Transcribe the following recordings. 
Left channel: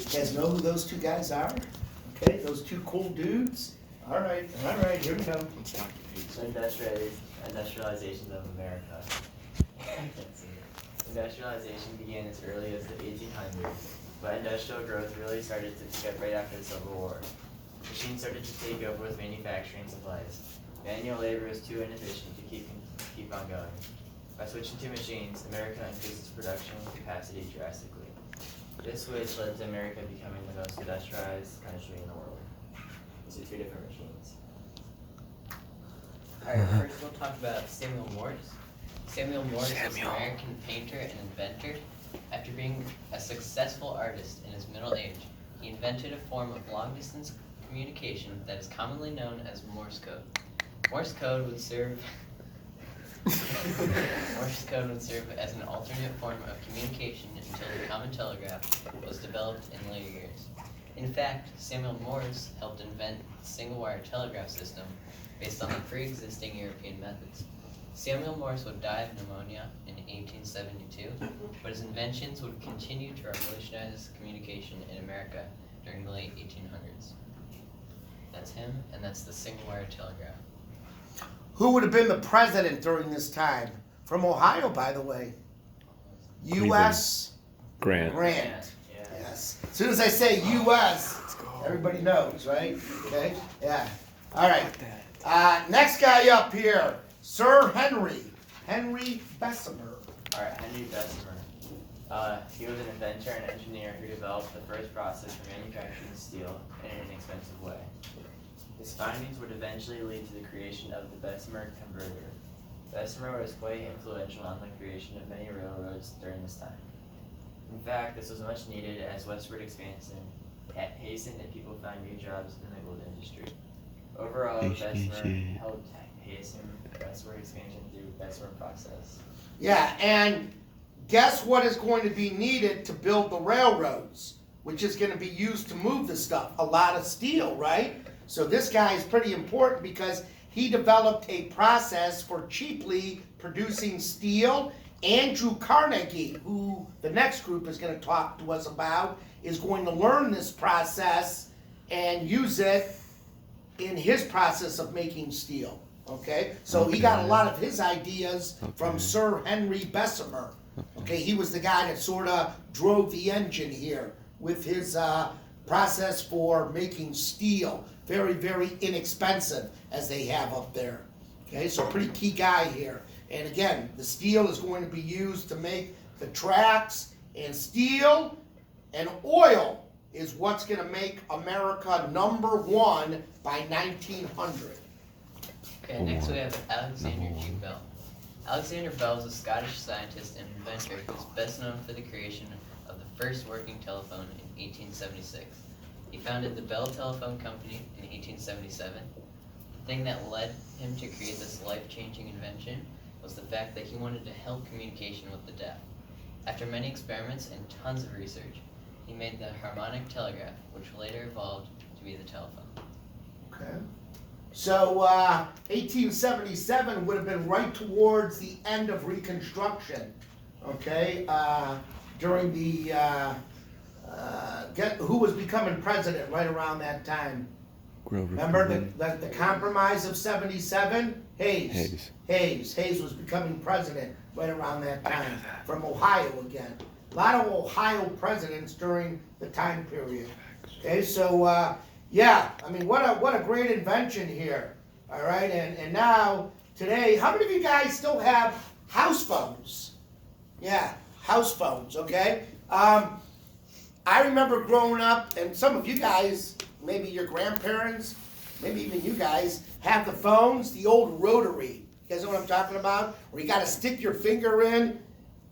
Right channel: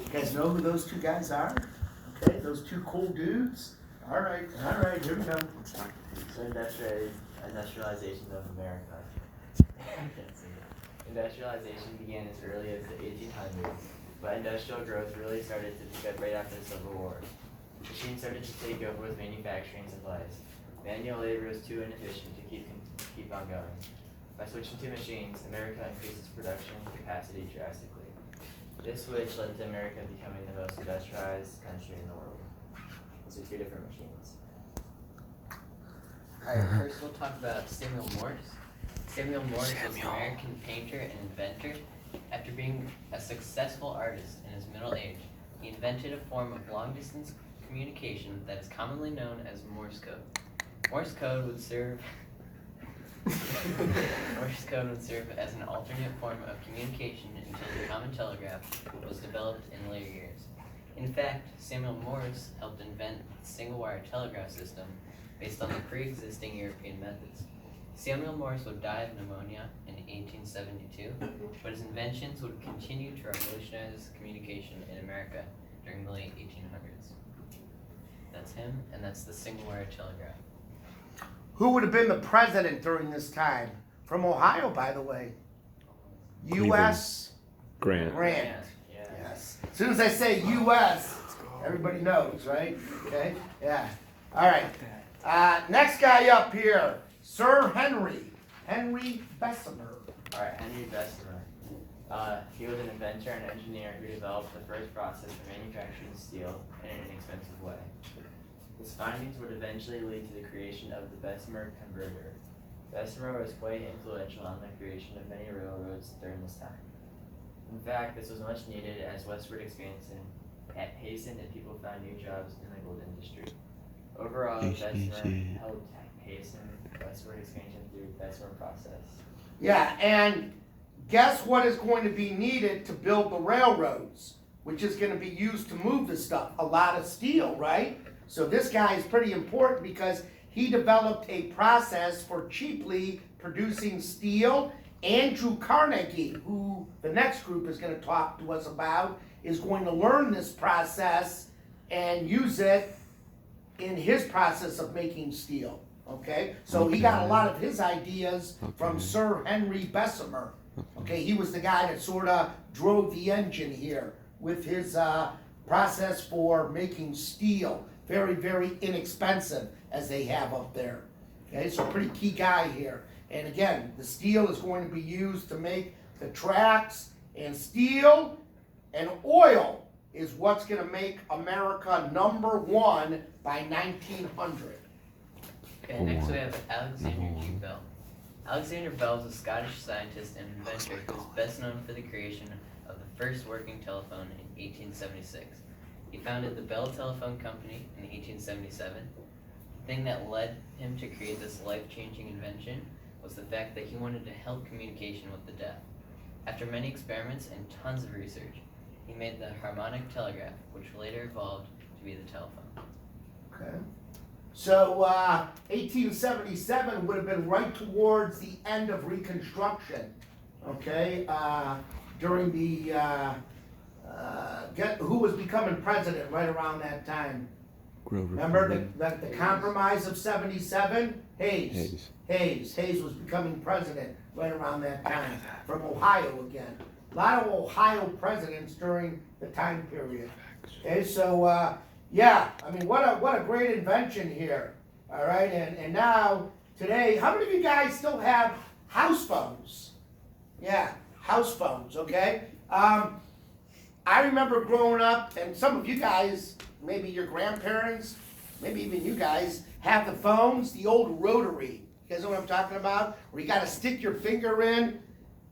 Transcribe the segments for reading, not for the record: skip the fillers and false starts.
You guys know who those two guys are? Okay, those two cool dudes. All right, here we go. So industrialization of America. Industrialization began as early as the 1800s, but industrial growth really started to pick up right after the Civil War. Machines started to take over with manufacturing supplies. Manual labor was too inefficient to keep on going. By switching to machines, America increased its production capacity drastically. This switch led to America becoming the most industrialized country in the world. These are two different machines. Alright, first we'll talk about Samuel Morse. Samuel Morse was an American painter and inventor. After being a successful artist in his middle age, he invented a form of long-distance communication that is commonly known as Morse code. Morse code would serve as an alternate form of communication until the common telegraph was developed in later years. In fact, Samuel Morse helped invent the single-wire telegraph system based on the pre-existing European methods. Samuel Morse would die of pneumonia in 1872, but his inventions would continue to revolutionize communication in America during the late 1800s. That's him, and that's the single-wire telegraph. Who would have been the president during this time? From Ohio, by the way. U.S. Grant. Grant. Yeah. Yes. As soon as I say U.S., everybody knows, right? Okay? Yeah. All right. Next guy up here, Sir Henry Bessemer. All right, Henry Bessemer. He was an inventor and engineer who developed the first process for manufacturing steel in an inexpensive way. His findings would eventually lead to the creation of the Bessemer converter. Bessemer was quite influential on the creation of many railroads during this time. In fact, this was much needed as westward expansion hastened and people found new jobs in the gold industry. Overall, Bessemer helped hasten westward expansion through Bessemer process. Yeah, and guess what is going to be needed to build the railroads, which is going to be used to move the stuff? A lot of steel, right? So this guy is pretty important because he developed a process for cheaply producing steel. Andrew Carnegie, who the next group is going to talk to us about, is going to learn this process and use it in his process of making steel. Okay? So he got a lot of his ideas from Sir Henry Bessemer. Okay? He was the guy that sort of drove the engine here with his process for making steel. Very, very inexpensive, as they have up there. Okay, so pretty key guy here. And again, the steel is going to be used to make the tracks, and steel and oil is what's going to make America #1 by 1900. Okay, next we have Alexander G. Bell. Alexander Bell was a Scottish scientist and inventor who is best known for the creation of the first working telephone in 1876. He founded the Bell Telephone Company in 1877. The thing that led him to create this life-changing invention was the fact that he wanted to help communication with the deaf. After many experiments and tons of research, he made the harmonic telegraph, which later evolved to be the telephone. Okay. So 1877 would have been right towards the end of Reconstruction. Okay, during the who was becoming president right around that time? Grover. Remember the compromise of 77? Hayes was becoming president right around that time, from Ohio again. A lot of Ohio presidents during the time period. Okay, so yeah, I mean, what a great invention here. All right, and now today, how many of you guys still have house phones? Yeah, house phones. Okay. I remember growing up, and some of you guys, maybe your grandparents, maybe even you guys, have the phones, the old rotary. You guys know what I'm talking about? Where you got to stick your finger in.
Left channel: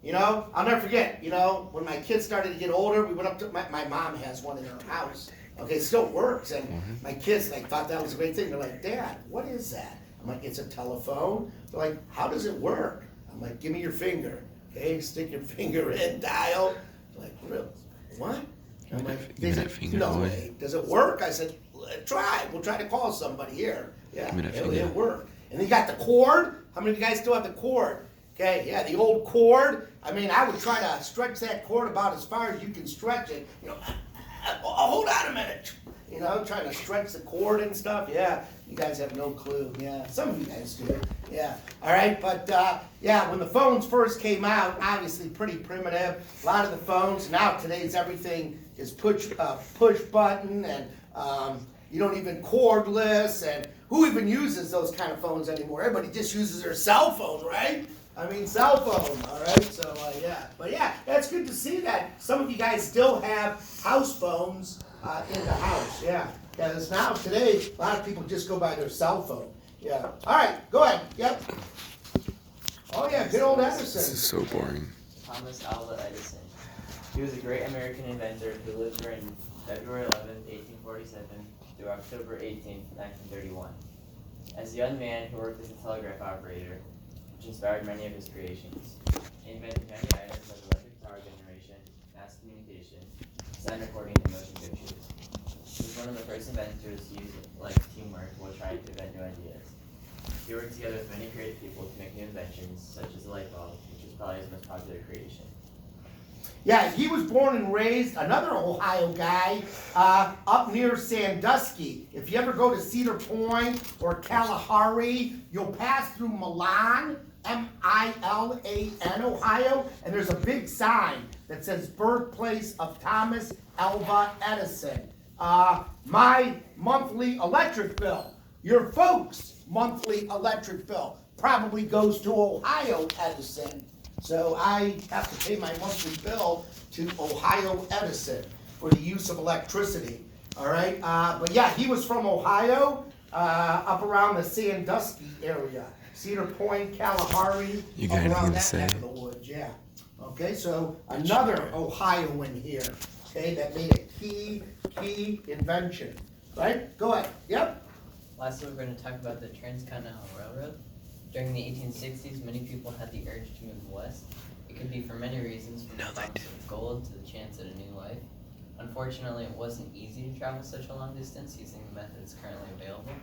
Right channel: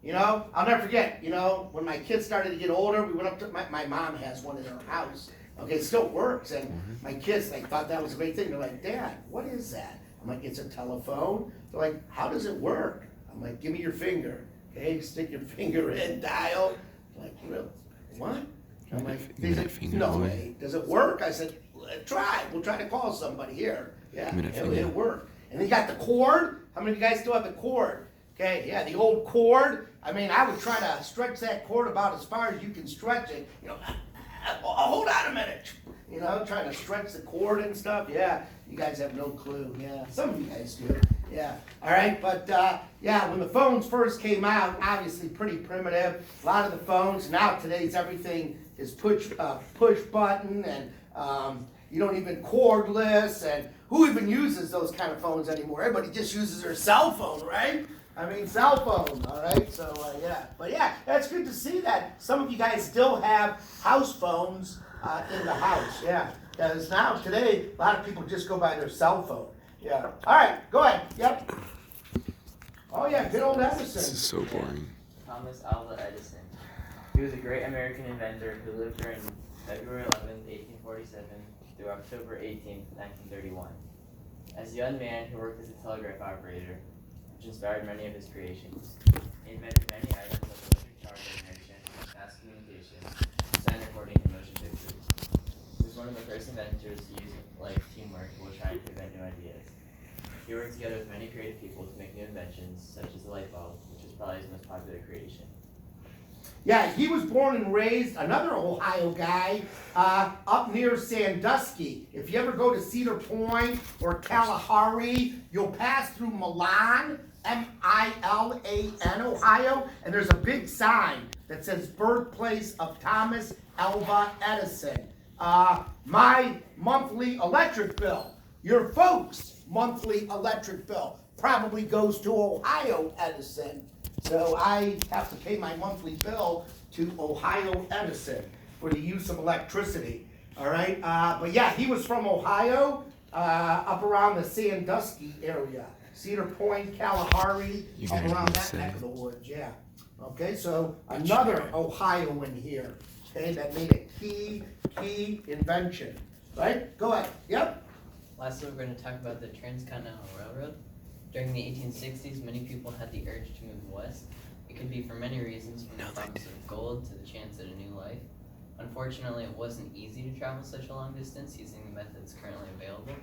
You know, I'll never forget, you know, when my kids started to get older, we went up to, my mom has one in her house. Okay, it still works, and my kids, they thought that was a great thing. They're like, Dad, what is that? I'm like, it's a telephone. They're like, how does it work? I'm like, give me your finger. Okay, stick your finger in, dial. I'm like, really? What? I'm like, Give me that finger, no boy. way. Does it work? I said, try. We'll try to call somebody here. Yeah, Give me that finger. it'll work. And then you got the cord. How many of you guys still have the cord? Okay, yeah, the old cord. I mean, I would try to stretch that cord about as far as you can stretch it. You know, hold on a minute. You know, trying to stretch the cord and stuff. Yeah, you guys have no clue. Yeah, some of you guys do. Yeah, all right, but yeah, when the phones first came out, obviously pretty primitive. A lot of the phones, now today's everything is push button, and you don't even cordless, and who even uses those kind of phones anymore? Everybody just uses their cell phone, right? I mean, cell phone, all right? So, yeah. But yeah, that's good to see that some of you guys still have house phones in the house, yeah. Because now, today, a lot of people just go by their cell phone. Yeah. All right, go ahead. Yep. Oh, yeah, good old Edison. This is so boring. Thomas Alva Edison. He was a great American inventor who lived during February 11th, 1847 through October 18th, 1931. As a young man, he worked as a telegraph operator, which inspired many of his creations. He invented many items like electric power generation, mass communication, sound recording, and motion pictures. He was one of the first inventors to use teamwork while trying to invent new ideas. He worked together with many creative people to make new inventions, such as the light bulb, which is probably his most popular creation. Yeah, he was born and raised, another Ohio guy, up near Sandusky. If you ever go to Cedar Point or Kalahari, you'll pass through Milan, M-I-L-A-N, Ohio, and there's a big sign that says birthplace of Thomas Alva Edison. My monthly electric bill, your folks' monthly electric bill probably goes to Ohio Edison. So I have to pay my monthly bill to Ohio Edison for the use of electricity, all right? But yeah, he was from Ohio, up around the Sandusky area, Cedar Point, Kalahari, You up guys around need that to neck say. of the woods, yeah. Okay, so another Ohioan here, okay, that made a key invention, right? Go ahead, yep. Lastly, we're going to talk about the Transcontinental Railroad. During the 1860s, many people had the urge to move west. It could be for many reasons, from the promise of gold to the chance at a new life. Unfortunately, it wasn't easy to travel such a long distance using the methods currently available.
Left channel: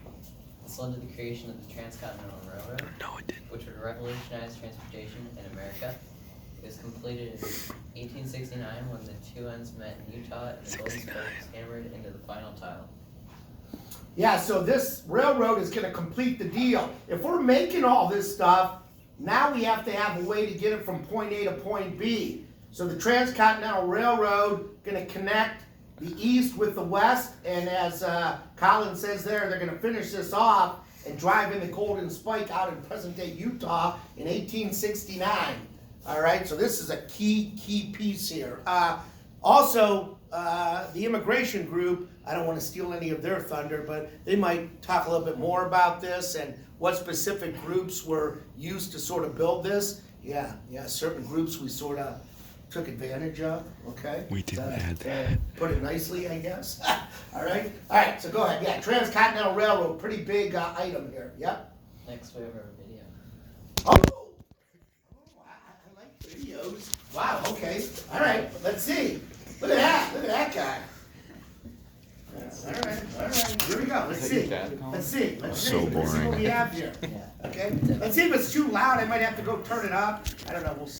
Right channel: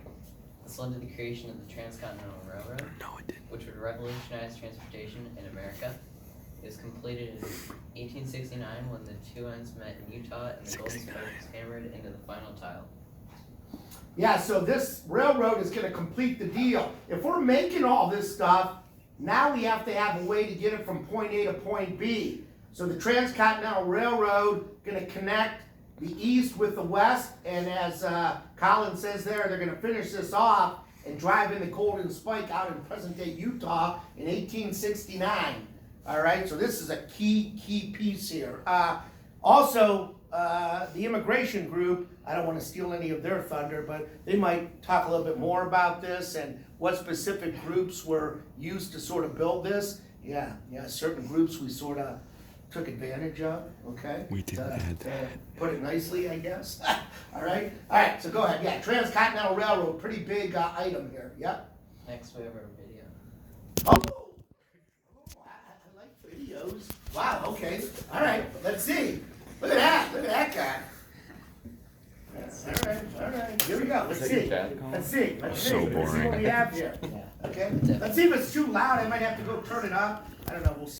This led to the creation of the Transcontinental Railroad, No, it didn't. which would revolutionize transportation in America. It was completed in 1869 when the two ends met in Utah and the golden spoke was hammered into the final tile. Yeah, so this railroad is gonna complete the deal. If we're making all this stuff, now we have to have a way to get it from point A to point B. So the Transcontinental Railroad gonna connect the east with the west, and as Colins says there, they're gonna finish this off and drive in the Golden Spike out in present-day Utah in 1869. All right, so this is a key piece here. Also, the immigration group, I don't want to steal any of their thunder, but they might talk a little bit more about this and what specific groups were used to sort of build this. Yeah, certain groups we sort of took advantage of, okay? We didn't add that. Put it nicely, I guess. All right, so go ahead. Yeah, Transcontinental Railroad, pretty big item here, yep. Next, we have our video. Oh, I like videos. Wow, okay, all right, let's see. Look at that guy. All right, here we go, let's see. Let's see So what we boring. have here. Yeah. Okay, let's see if it's too loud, I might have to go turn it up. I don't know, we'll see.